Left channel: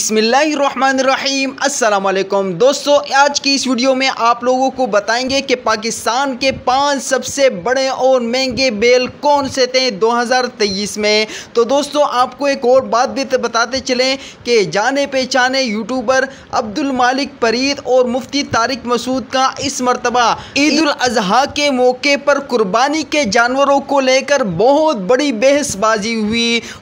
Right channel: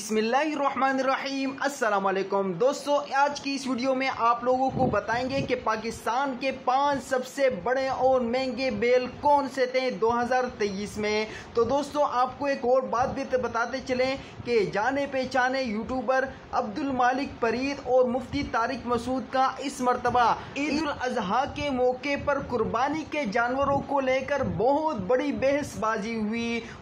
बिस्मिल्लाहिर्रहमानिर्रहीम अस्सलाम वालेकुम दोस्तों, आज की इस वीडियो में आप लोगों को बताएंगे कि पाकिस्तान के 5 सबसे बड़े और महंगे बैल कौन से थे 2023 में। तो दोस्तों आपको एक और बात भी बताते चलें कि जाने पहचाने यूट्यूबर अब्दुल मालिक फरीद और मुफ्ती तारिक मसूद का इस मरतबा ईद उल अजहा के मौके पर कुर्बानी के जानवरों को लेकर बहुत बड़ी बहसबाजी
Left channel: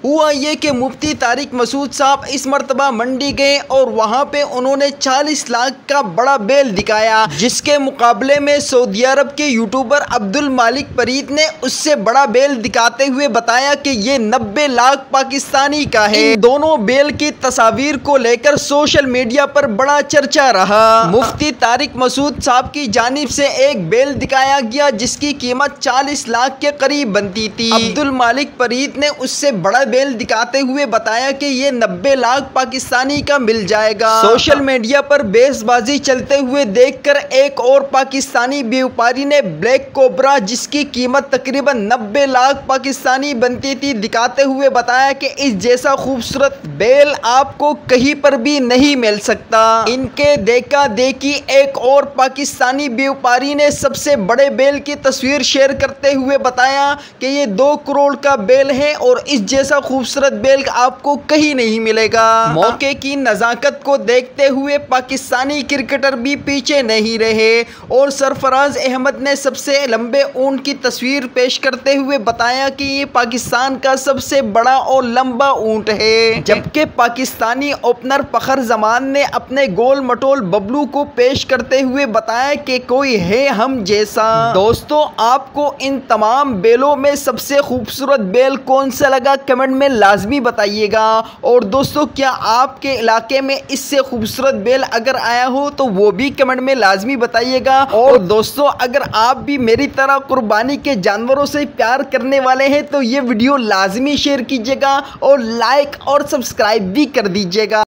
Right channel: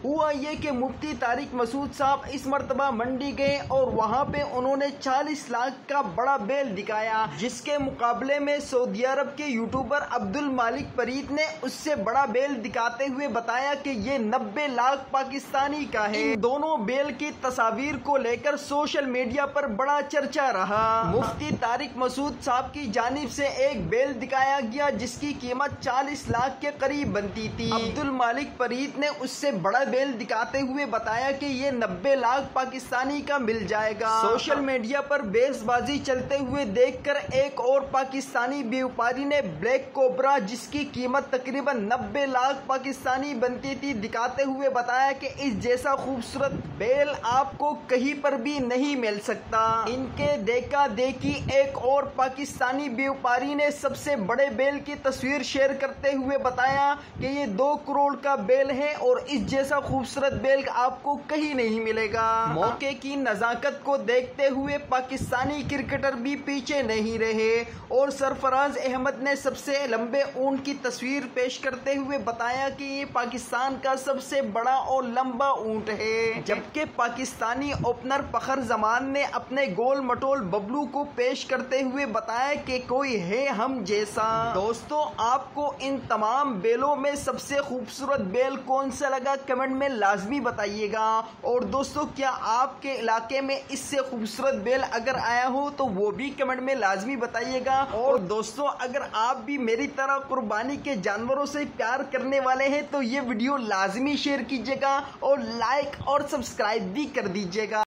हुआ ये कि मुफ्ती तारिक मसूद साहब इस मरतबा मंडी गए और वहां पे उन्होंने 40 लाख का बड़ा बैल दिखाया, जिसके मुकाबले में सऊदी अरब के यूट्यूबर अब्दुल मालिक फरीद ने उससे बड़ा बैल दिखाते हुए बताया कि ये 90 लाख पाकिस्तानी का है। इन दोनों बैल की तस्वीर को लेकर सोशल मीडिया पर बड़ा चर्चा रहा। मुफ्ती तारिक मसूद साहब की जानिब से एक बैल दिखाया गया जिसकी कीमत 40 लाख के करीब बनती थी। अब्दुल मालिक फरीद ने उससे बड़ा बैल दिखाते हुए बताया कि ये 90 लाख पाकिस्तानी का मिल जाएगा। सोशल मीडिया पर बेसबाजी चलते हुए देखकर एक और पाकिस्तानी व्यापारी ने ब्लैक कोबरा जिसकी कीमत तकरीबन 90 लाख पाकिस्तानी बनती थी दिखाते हुए बताया कि इस जैसा खूबसूरत बैल आपको कहीं पर भी नहीं मिल सकता। इनके देखा देखी एक और पाकिस्तानी व्यापारी ने सबसे बड़े बैल की तस्वीर शेयर करते हुए बताया कि ये 2 करोड़ का बैल है और इस जैसा खूबसूरत बैल आपको कहीं नहीं मिलेगा। मौके की नजाकत को देखते हुए पाकिस्तानी क्रिकेटर भी पीछे नहीं रहे और सरफराज अहमद ने सबसे लंबे ऊंट की तस्वीर पेश करते हुए बताया कि ये पाकिस्तान का सबसे बड़ा और लंबा ऊंट है। जबकि पाकिस्तानी ओपनर फखर जमान ने अपने गोल मटोल बबलू को पेश करते हुए बताया कि कोई है हम जैसा। दोस्तों आपको इन तमाम बैलों में सबसे खूबसूरत बैल कौन सा लगा कमेंट में लाजमी बताइएगा। और दोस्तों क्या आपके इलाके में इससे खूबसूरत बैल अगर आया हो तो वो भी कमेंट में लाजमी बताइएगा। और दोस्तों अगर आप भी मेरी तरह कुर्बानी के जानवरों से प्यार करने वाले हैं तो ये वीडियो लाजमी शेयर कीजिएगा और लाइक और सब्सक्राइब भी कर दीजिएगा।